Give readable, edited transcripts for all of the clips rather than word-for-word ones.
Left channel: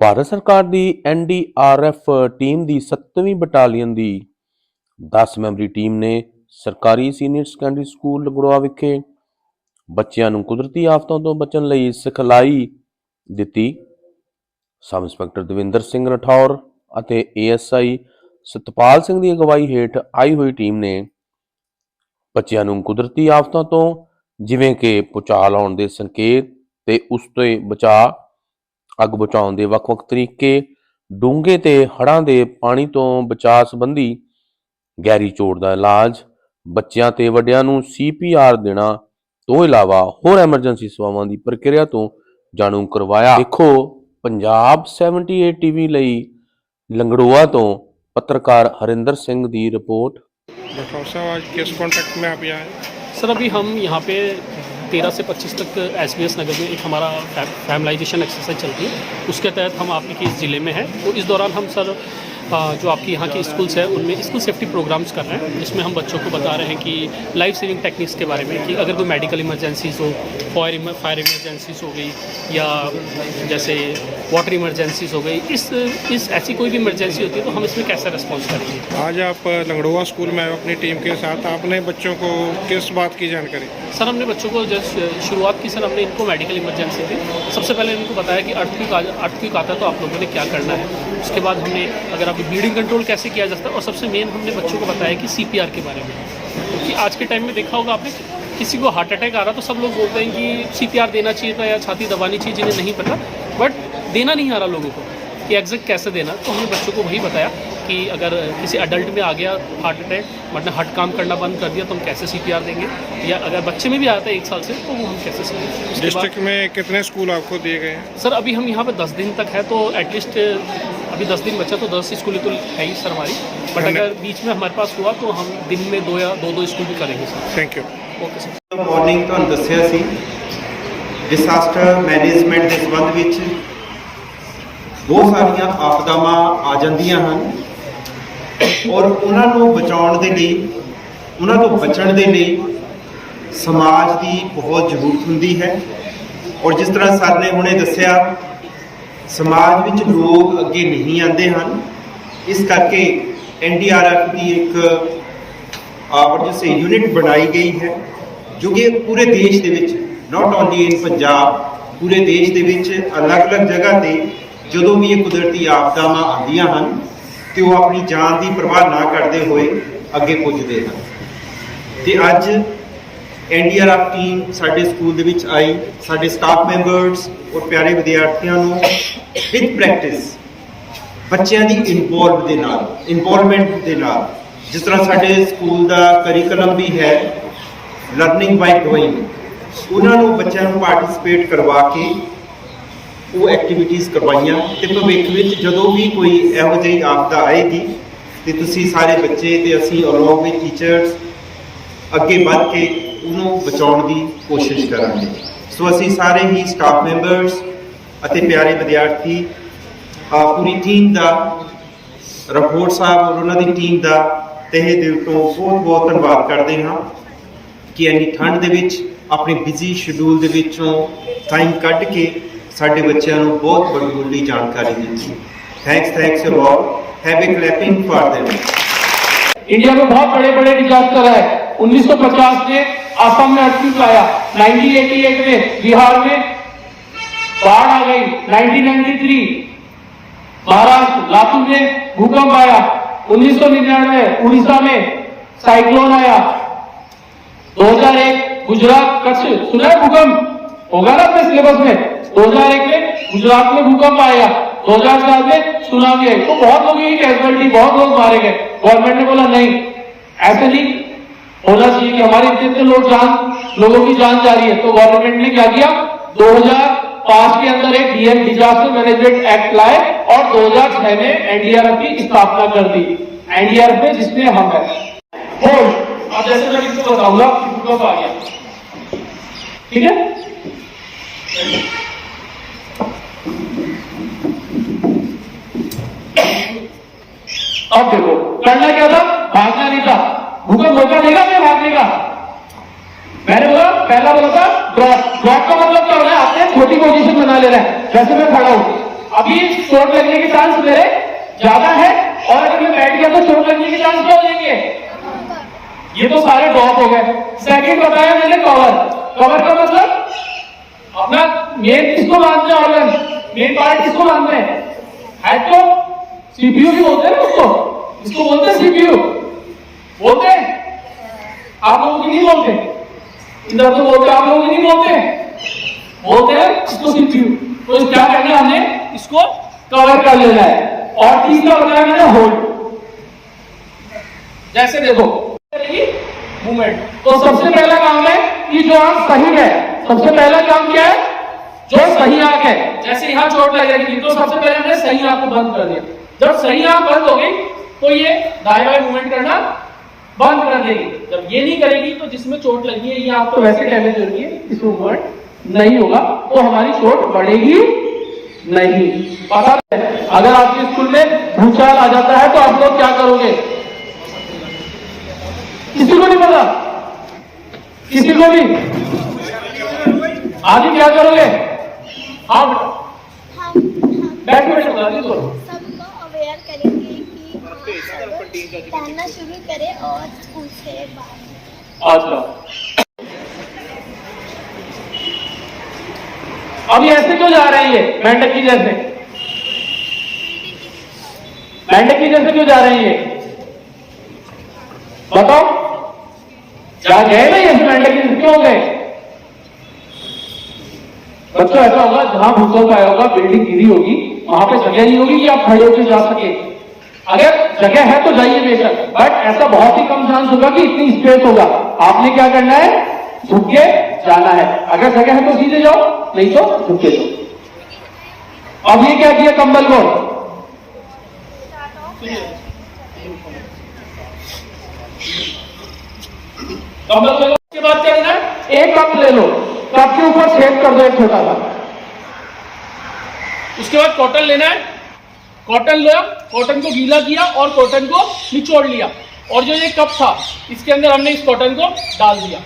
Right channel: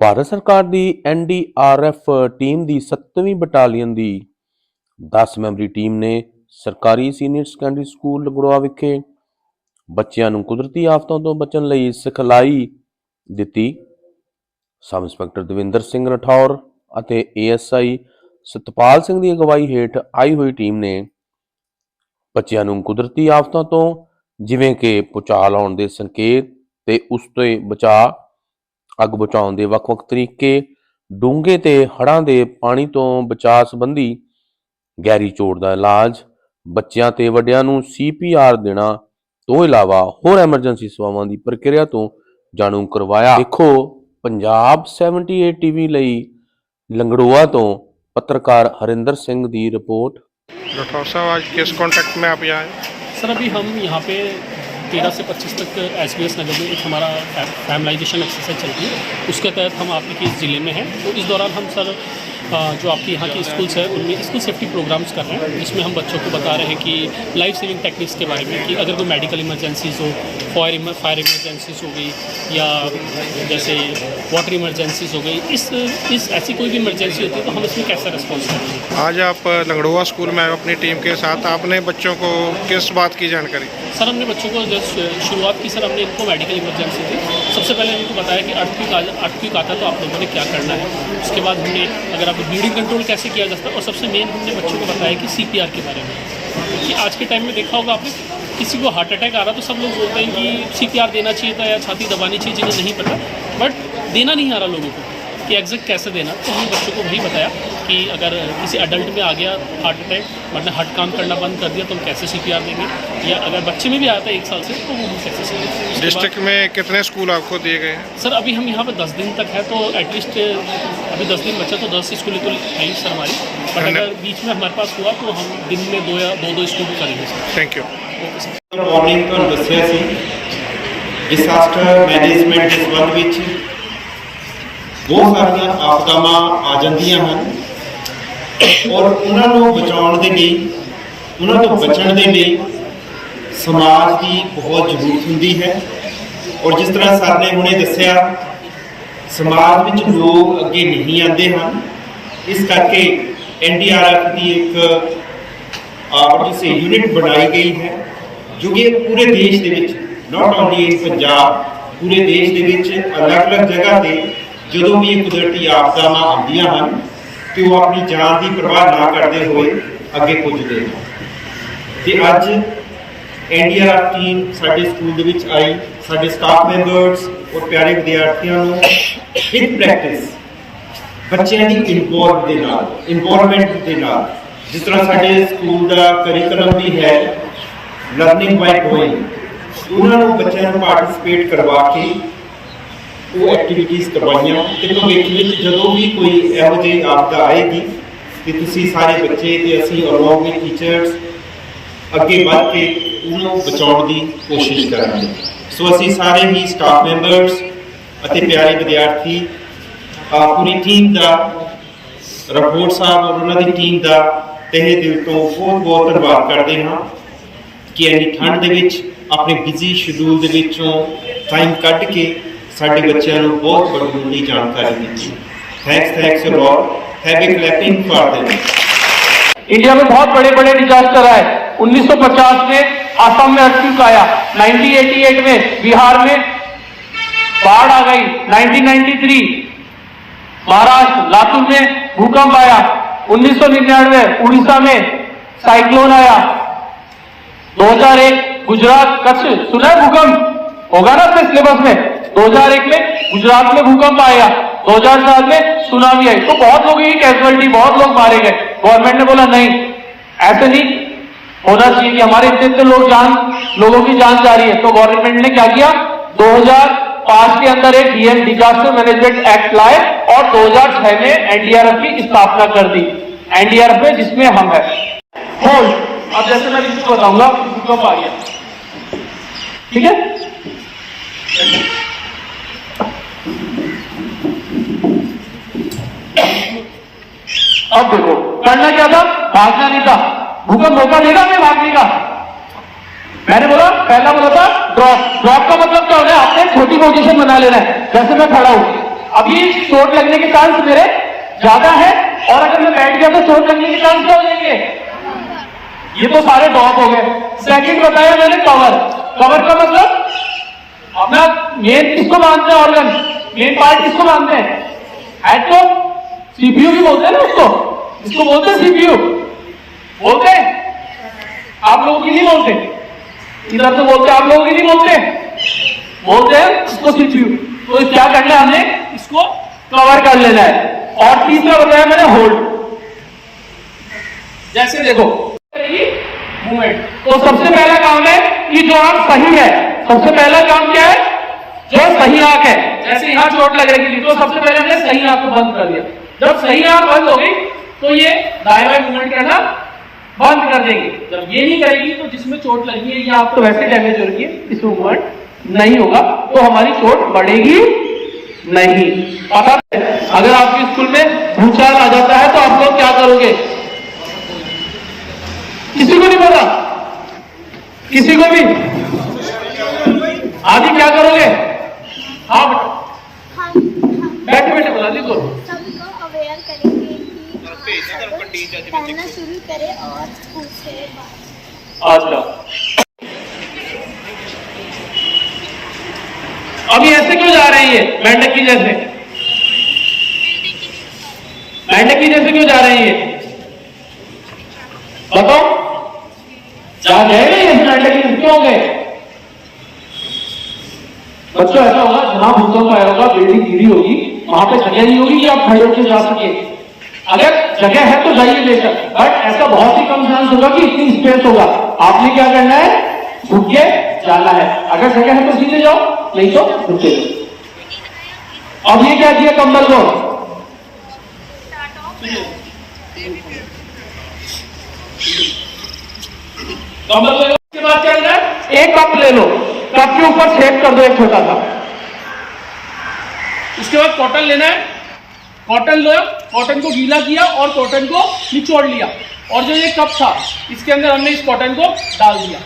ਭਾਰਤ ਸਰਕਾਰ ਦੀ NDRF team ਦੀ 7ਵੀਂ battalion ਦੀ 10 memory team ਨੇ ਸਰਕਾਰੀ ਸੀਨੀਅਰ ਸੈਕੰਡਰੀ ਸਕੂਲ ਲੰਗੜੋਆ ਵਿਖੇ ਬੱਚਿਆਂ ਨੂੰ ਕੁਦਰਤੀ ਆਫਤਾਂ ਤੋਂ ਬਚਣ ਲਈ ਸਿਖਲਾਈ ਦਿੱਤੀ। ਸਬ ਇੰਸਪੈਕਟਰ ਦਵਿੰਦਰ ਸਿੰਘ ਰਠੌਰ ਅਤੇ ASI ਸਤਪਾਲ ਸਿੰਘ ਦੀ ਅਗਵਾਈ ਹੇਠ ਆਈ ਹੋਈ ਟੀਮ ਨੇ ਬੱਚਿਆਂ ਨੂੰ ਕੁਦਰਤੀ ਆਫਤਾਂ ਤੋਂ ਜਿਵੇਂ ਕਿ ਭੂਚਾਲ ਆਉਣ ਦੇ ਸੰਕੇਤ ਤੇ ਉਸ ਤੋਂ ਬਚਾਅ, ਅੱਗ ਬੁਝਾਉਣ ਦੇ ਵੱਖ-ਵੱਖ ਤਰੀਕੇ, ਡੂੰਘੇ ਤੇ ਹੜ੍ਹਾਂ ਦੇ ਪਾਣੀ ਤੋਂ ਬਚਾਅ ਸੰਬੰਧੀ ਗਹਿਰੀ ਚੋਟ ਦਾ ਇਲਾਜ, ਬੱਚਿਆਂ ਤੇ ਵੱਡਿਆਂ ਨੂੰ CPR ਦੇਣਾ ਤੋਂ ਇਲਾਵਾ ਹੋਰ ਐਮਰਜੈਂਸੀ ਸੇਵਾਵਾਂ ਦੀ ਪ੍ਰਕਿਰਿਆ ਤੋਂ ਜਾਣੂ ਕਰਵਾਇਆ। ਦੇਖੋ ਪੰਜਾਬ 78 TV ਲਈ लंगड़ोआ तो पत्रकार हरिंदर सिंह दी रिपोर्ट। राठौर साहब, आज किस कॉन्टेक्ट में आप यहाँ आए? सर अभी हम यहाँ पे 13 से 25 तक SBS नगर में एक हमारा फैमिलाइजेशन एक्सरसाइज चल रही है, उसके तहत हम आपके ज़िले में हैं। तो इस दौरान हम सर जो आपकी यहाँ की स्कूल्स हैं उनमें स्कूल सेफ्टी प्रोग्राम्स कर रहे हैं, जिसमें हम बच्चों को बता रहे हैं कि लाइफ सेविंग टेक्निक्स के बारे में, कि अगर कोई मेडिकल इमरजेंसीज हो, फायर इमरजेंसीज हो गई या जैसे वाटर इमरजेंसीज हो गई, इस ऐसी कोई भी इमरजेंसी होती है तो हम इसमें कैसे रिस्पॉन्स करेंगे। आज आप लंगड़ोआ स्कूल में आए अपनी टीम के साथ, आपने बच्चों को किस बात की जानकारी? सर हमने बच्चों को जैसे शुरुआत की, सर हमने इनको मेडिकल इमरजेंसी थी, सबसे पहले इनको बताया कि अर्थक्वेक आता है तो आप लोगों ने क्या करना है। उसके बाद हमने अगर आप ब्लीडिंग कंट्रोल कैसे किया जाता है, और सबसे मेन हमने बच्चों को बताया कि CPR के बारे में, क्योंकि आज के टाइम में देखा होगा आपने, किसी को हार्ट अटैक आ रहा तो सब लोग बोलते हैं कि CPR देना चाहिए था या छाती दबानी चाहिए, जिन्हें नहीं पता, बट देना नहीं आ रहा लोगों को कि एग्जैक्ट कैसे देना। तो हमने बच्चों को वही बताया कि अगर किसी अडल्ट में आ गया हार्ट अटैक, मतलब हार्ट काम करना बंद कर दिया, तो हम कैसे CPR देंगे, या अगर बच्चे में भी आता है 1 साल से तो वो हम कैसे सीखेंगे। डिस्ट्रिक्ट में कितने स्कूल आपको दिए गए हैं? सर अभी हम यहाँ पे 10 दिन तक है, तो एटलीस्ट अभी 10 दिन बचा तो 10 स्कूल तो है ही सर हमारी, बट अगर बीच में हमारे पास हुआ तो हम दिन में 2 या 2 स्कूल भी करेंगे sir. Thank you. Okay sir. Morning तो दसिया सी डिसास्टर मैनेजमेंट के संबंध विच बहुत सारिया आपदावां आ जांदियां हन, और उन्होंने बचाने के लिए, उन्होंने तो बचने के लिए समाज की बहुत जरूरत होंदी है। और जिस तरह सर ने हुणे दसिया, समाज में लोग अगे नहीं आते हैं, इस करके NDRF की एक जिसे यूनिट बनाई गई है, जो कि पूरे देश के नॉट ओनली इन पंजाब, पूरे देश के अलग अलग जगह से जो भी ये कुदरती आपदावां आदियां हैं तो वो अपनी जान की परवाह ना करते हुए अगे पुजते हैं। तो अज NDRF टीम साडे स्कूल दे विच आई, साडे स्टाफ मैंबर्स और प्यारे विद्यार्थियों विद प्रैक्टिस बच्चों की इन्वॉल्वमेंट के नाल, जिस तरह साडे स्कूल का करिकुलम भी है लर्निंग बाय डूइंग, उन्होंने बच्चों को पार्टिसिपेट करवा के वो एक्टिविटीज़ करवाइयां। तो भविष्य में जो भी कोई इहो जी आपदा आएगी तो तुसी सारे बच्चे ते असीं अलॉन्ग विद टीचर्स अगे बढ़ के उन्होंने बचाने की कोशिश करांगे। सो असीं सारे ही स्टाफ मैंबर्स अते प्यारे विद्यार्थी पूरी टीम का, राठौर साहब और उन्होंने टीम का तहे दिल तो बहुत बहुत धन्यवाद करते हैं कि इन्नी ठंड दे विच अपने बिजी शेड्यूल दे विचों टाइम कढ के साडे बच्चों को बहुत बड़ी जानकारी दी। Thanks a lot. Have a clapping for them. India में बहुत बड़े बड़े डिजास्टर है। 1950 में आसाम में अर्थक्वेक आया, 1988 में बिहार में बाढ़ आ गई, 1993 महाराष्ट्र लातूर में भूकंप आया, 1999 उड़ीसा में साइक्लोन आया, 2001 गुजरात कच्छ सुना भूकंप होगा ना अपने सिलेबस में, 2001 में गुजरात में भूकंप आया, 2004 में सुनामी आई। तो बहुत लोगों की कैजुअलिटी, बहुत लोग मारे गए। गवर्नमेंट ने बोला नहीं, ऐसे नहीं होना चाहिए कि हमारे इतने लोगों की जान जा रही है। तो गवर्नमेंट ने क्या किया, 2005 के अंदर एक डिजास्टर मैनेजमेंट एक्ट लाए और 2006 में NDRF की स्थापना कर दी। NDRF में जिसमें हम है होल्ड। अब जैसे मैं इसको बताऊंगा कि भूकंप आ गया, ठीक है, अब देखो करना क्या था, भागना नहीं था। भूकंप मौका देगा हमें भागने का। मैंने पहला बोला था ड्रॉप। ड्रॉप का मतलब क्या होना है, आपने छोटी पोजीशन बना लेना है। जैसे मैं खड़ा हूं, अभी चोट लगने के चांस मेरे ज्यादा है, और अगर मैं बैठ गया तो चोट लगने के चांस क्या हो जाएंगे? ये तो सारे ड्रॉप हो गए। सेकंड बताया मैंने कवर। कवर का मतलब अपना मेन किसको मानते हैं, ऑर्गन मेन पार्ट किसको मानते हैं? हेड को सीपीयू भी बोलते हैं ना उसको, इसको बोलते हैं सीपीयू, बोलते हैं? आप लोग की नहीं बोलते, इधर तो बोलते, आप लोग की नहीं बोलते, बोलते हैं इसको सीपीयू। तो क्या करना है, हमने इसको कवर कर लेना है। और तीसरा बताया मैंने होल्ड। जैसे देखो मूवमेंट, तो सबसे पहला काम है कि जो आंख सही है, सबसे पहला काम क्या है? जो सही आंख है, जैसे यहाँ चोट लग रही थी तो सबसे पहले हमने सही आंख को बंद कर दिया। जब सही आंख बंद हो गई तो ये दाएं बाएं मूवमेंट करना बंद कर देगी। जब ये नहीं करेगी तो जिसमें चोट लगी है ये आंख तो वैसे डैमेज हो रही है, इसमें मूवमेंट नहीं होगा, तो हमारी चोट बढ़ेगी नहीं। पता है अगर आपके स्कूल में भूचाल आ जाता है तो आप लोग क्या करोगे? किसी को नहीं पता, किसी को भी आदि क्या करोगे? हाँ बैठे बैठे बता लिखो। सबको अवेयर करेंगे कि पहनना शुरू करें और स्कूल से बाहर। अच्छा, अभी ऐसे क्यों जा रहे हैं ये मेंढकी जैसे? मेंढकी जैसे क्यों जा रहे हैं ये? बताओ, जा गए ना ये मेंढकी क्यों गए? बच्चों ऐसा होगा जहां भूकंप आया होगा, बिल्डिंग गिरी होगी, वहां पे जगह नहीं होगी कि आप खड़े होकर जा सके। अगर जगह है तो जाइए बेशक, बट ऐसा बहुत ही कम चांस होगा कि इतनी स्पेस होगा। आपने क्या करना है? झुक के जाना है। अगर जगह है तो सीधे जाओ, नहीं तो झुक के जाओ। अब ये क्या किया कंबल को? कंबल ले लो, उसके बाद क्या करना है? एक कप ले लो, कप के ऊपर छेद कर दो एक छोटा सा। उसके बाद कॉटन लेना है, कॉटन लो, कॉटन को गीला किया और कॉटन को निचोड़ लिया, और जो ये कप था इसके अंदर हमने इस कॉटन को डाल दिया।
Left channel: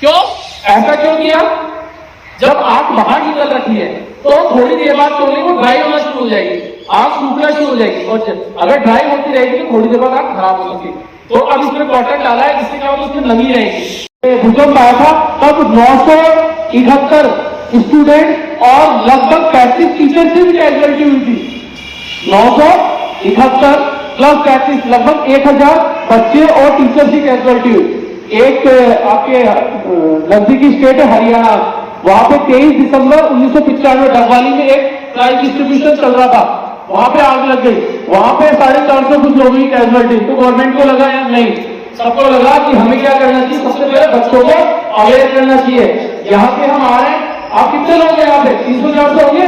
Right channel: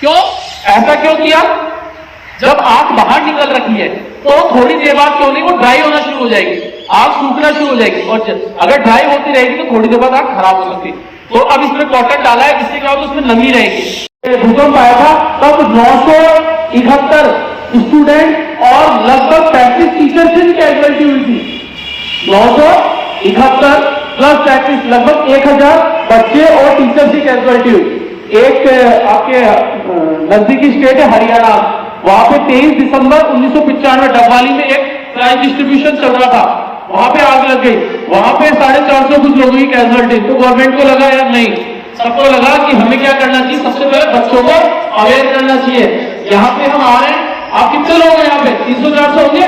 क्यों ऐसा क्यों किया? जब आग बाहर निकल रखी है तो थोड़ी देर बाद क्यों नहीं वो ड्राई होना शुरू हो जाएगी, आग सूखना शुरू हो जाएगी, और अगर ड्राई होती रहेगी तो थोड़ी देर बाद आग खराब हो सकती है। तो अब इसमें कॉटन डाला है, इससे क्या होगा? उसमें नमी रहेगी। भूकंप आया था तब 971 स्टूडेंट और लगभग 35 टीचर से भी कैजुअलिटी हुई थी। 971 प्लस 35 लगभग 1000 बच्चे और टीचर की कैजुअलिटी हुई। एक आपके नजदीकी स्टेट है हरियाणा, वहां पे 23 दिसंबर 1995 डबवाली में एक प्राइज डिस्ट्रीब्यूशन चल रहा था, वहां पे आग लग गई, वहां पे 450 कुछ लोगों की कैजुअलिटी। तो गवर्नमेंट को लगा यार नहीं, सबको लगा कि हमें क्या करना चाहिए, सबसे पहले बच्चों को अवेयर करना चाहिए। यहाँ पे हम आ रहे हैं, आप कितने लोग हैं यहाँ पे? 300-400 होंगे।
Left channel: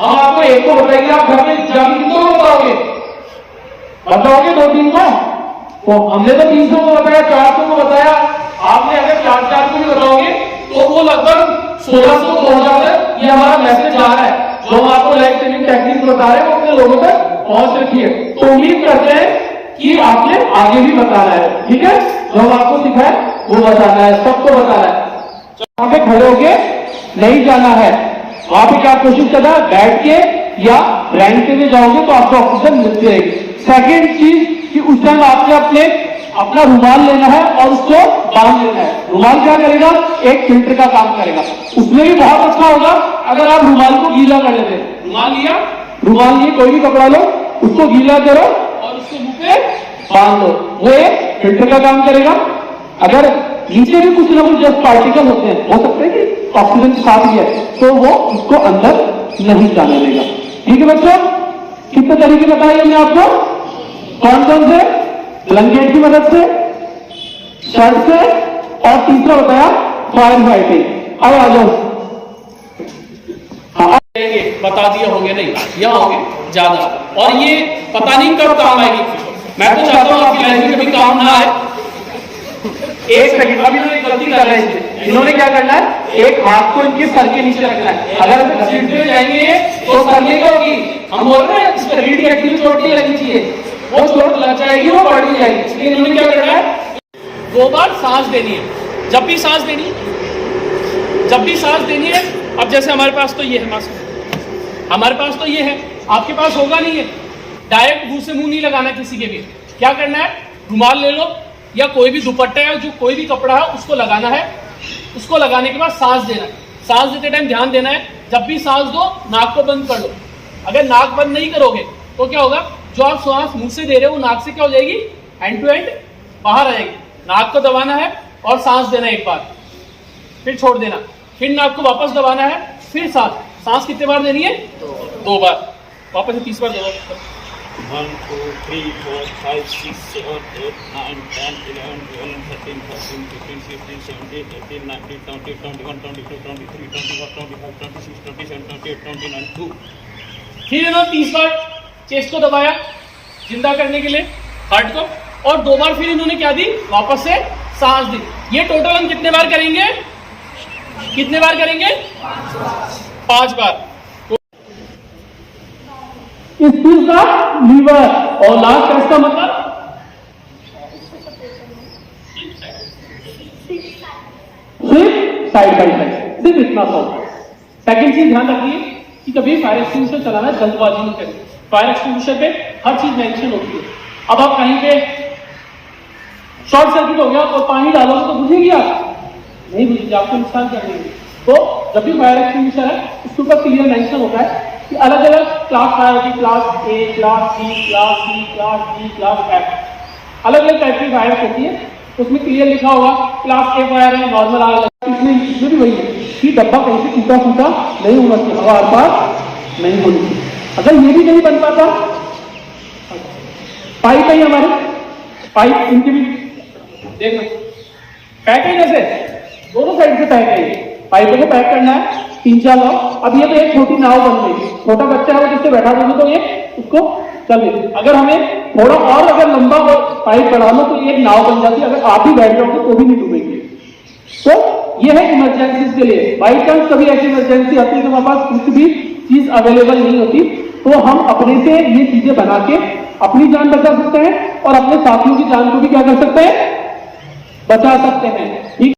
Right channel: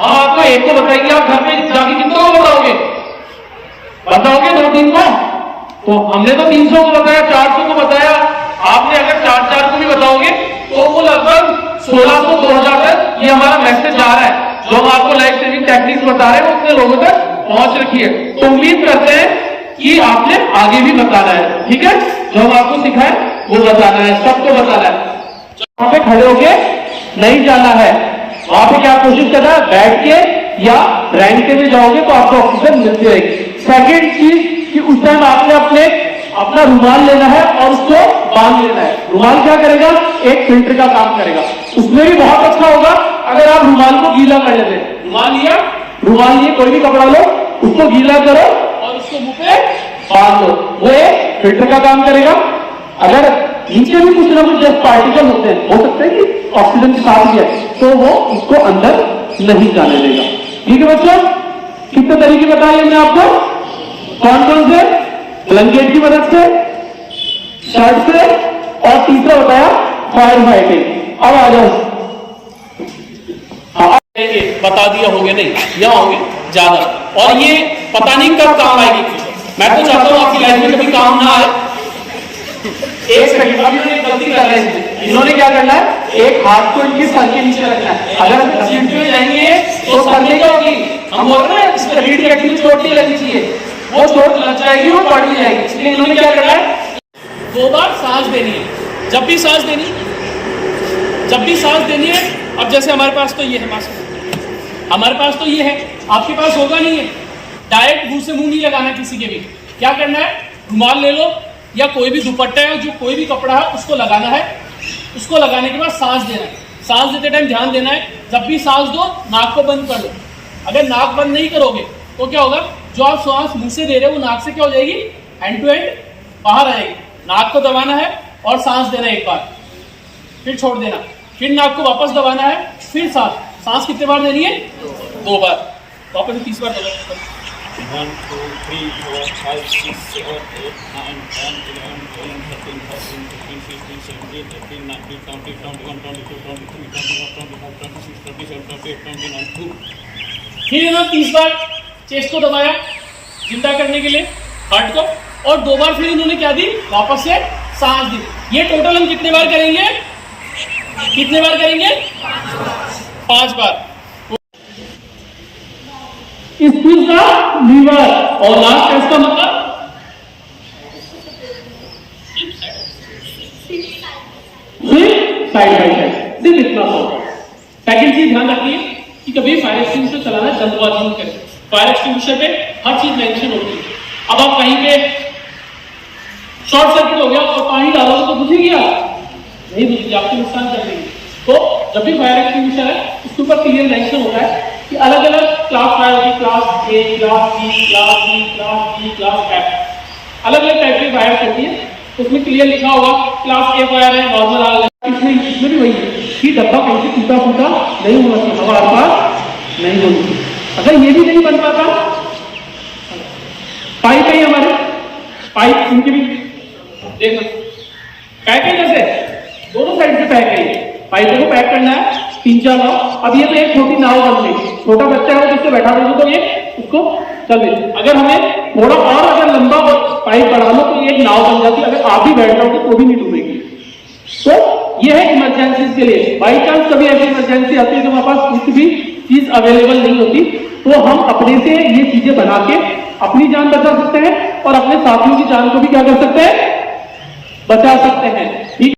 हम आपको एक को बताएंगे, आप घर में जाके कितने को बताओगे? बताओगे 2-3 को? तो हमने तो 300 को बताया, 400 को बताया, आपने अगर 4 को भी बताओगे तो वो लगभग 1600-2000 तक ये हमारा मैसेज आ रहा है। जो हम आपको लाइफ सेविंग टेक्निक्स बता रहे हैं वो अपने लोगों तक पहुंच रखी है। तो उम्मीद करते हैं कि आपने आगे भी बताना है, ठीक है? जो हम आपको सिखाए वो बताना है, सबको बताना है। वहां पे खड़े होके नहीं जाना है, वहां पे क्या कोशिश करना है? बैठ के या रैंक में जाओगे तो आपको ऑक्सीजन मिलती रहेगी। सेकेंड चीज कि उस टाइम आपने अपना रुमाल लेना है और उसको बांध लेना है। रुमाल क्या करेगा? एक फिल्टर का काम करेगा। उसमें भी बहुत अच्छा होगा अगर आप रुमाल को गीला कर लेते हैं। रुमाल लिए कोई भी कपड़ा लो, उसको गीला करो और उसको मुंह पे बांध लो, वो एक फिल्टर का काम करेगा। अगर नीचे भी कुछ ना कुछ जैसे पार्टिकल होते हैं, हो सकता है कि ऑक्सीजन के साथ ही है, तो वो उसको अंदर नहीं जाने देगा। ठीक है बच्चों, कितने तरीके बताए हमने आपको? कौन कौन से? ब्लैंकेट की मदद से, शर्ट से, और तीसरा बताया फायर फाइटिंग। अब आ जाओ, बता दिया होंगे नहीं, यहाँ होंगे ज्यादा, और ये पता नहीं कब काम आएगी। मैं तो चाहता हूँ आपकी लाइफ में कभी काम ना आए। एक सेकंड, अभी इन्होंने गलती कर रहे हैं। इन्होंने क्या करना है? एक हाथ को इनके सर के नीचे रखना है। अगर हम घसीट में जाएंगे तो सर में क्या होगी? हम बोल रहे हैं इस पर रीढ़ की हड्डी में चोट नहीं लगनी चाहिए, वो चोट लग जाएगी, वो पड़ भी जाएगी। इसलिए इन्होंने क्या करना है? 2 बार सांस देनी है। जब भी सांस देनी है, अब जैसे हमारे पास तो ये है मास्क, हमारे पास तो ये है, आपके पास होगा नहीं है। डायरेक्ट मुंह से मुंह नहीं लगाना किसी के भी। क्या करना है, रुमाल ले लो या कोई भी दुपट्टा है, जो कोई भी कपड़ा है उसको लगाना है। उसको लगाने के बाद सांस देना है। सांस देते टाइम ध्यान देना है, जब भी सांस दो नाक को बंद कर लो। अगर नाक बंद नहीं करोगे तो क्या होगा, जो आप सांस मुंह से दे रहे हो वो नाक से क्या हो जाएगी, एंड टू एंड बाहर आएगी। नाक को दबाना है और सांस देना एक बार, फिर छोड़ देना, फिर नाक को वापस दबाना है, फिर सांस कितने बार देनी है, 2 बार। वापस से 30 बार दबाओ। 1 2 3 4 5 6 7 8 9 10 11 12 13 14 15 16 17 18 19 20 21 22 23 24 25 26 27 28 29 2। फिर इन्होंने 30 बार चेस्ट को दबाया जिंदा करने के लिए हार्ट को, और 2 बार फिर इन्होंने क्या दी, वापस से सांस दी। ये टोटल हम कितने बार करेंगे, 5 बार। इस चीज का लीवर और लास्ट का इसका मतलब सिर्फ साइड बाई साइड, सिर्फ इतना सा। सेकेंड चीज ध्यान रखिए कि कभी फायर एक्सटिंग्विशर चलाना जल्दबाजी नहीं करें। फायर एक्सटिंग्विशर पे हर चीज मेंशन होती है। अब आप कहीं पे शॉर्ट सर्किट हो गया और पानी डालोगे तो बुझेगी आप नहीं, बुझेगी, आपको नुकसान कर देगी। तो जब भी फायर एक्सटिंग्विशर है उसके ऊपर क्लियर मेंशन होता है कि अलग अलग क्लास फायर होगी, class A, class B, class C, class D, class F, अलग अलग टाइप की फायर होती है। उसमें क्लियर लिखा होगा क्लास ए फायर है, नॉर्मल आग। इसमें भी वही है कि डब्बा कहीं से टूटा फूटा नहीं होना चाहिए, हवा आर पार नहीं होनी चाहिए। अगर ये भी नहीं बन पाता, पाइप है हमारे, पाइप इनकी भी देखो पैक है, जैसे दोनों साइड से पैक है। पाइपों को पैक करना है 3-4 नाव। अब ये तो एक छोटी नाव बन गई, छोटा बच्चा है जिससे बैठा देंगे तो ये उसको चले। अगर हमें थोड़ा और अगर लंबा पाइप बढ़ा लो तो एक नाव बन जाती है। अगर आप भी बैठ जाओगे तो भी नहीं डूबेगी। तो ये है इमरजेंसी के लिए। बाई चांस कभी ऐसी इमरजेंसी आती है कि हमारे पास कुछ भी चीज अवेलेबल नहीं होती, तो हम अपने से ये चीजें बना के अपनी जान बचा सकते हैं और अपने साथियों की जान को भी क्या कर सकते हैं, बचा सकते हैं। ठीक।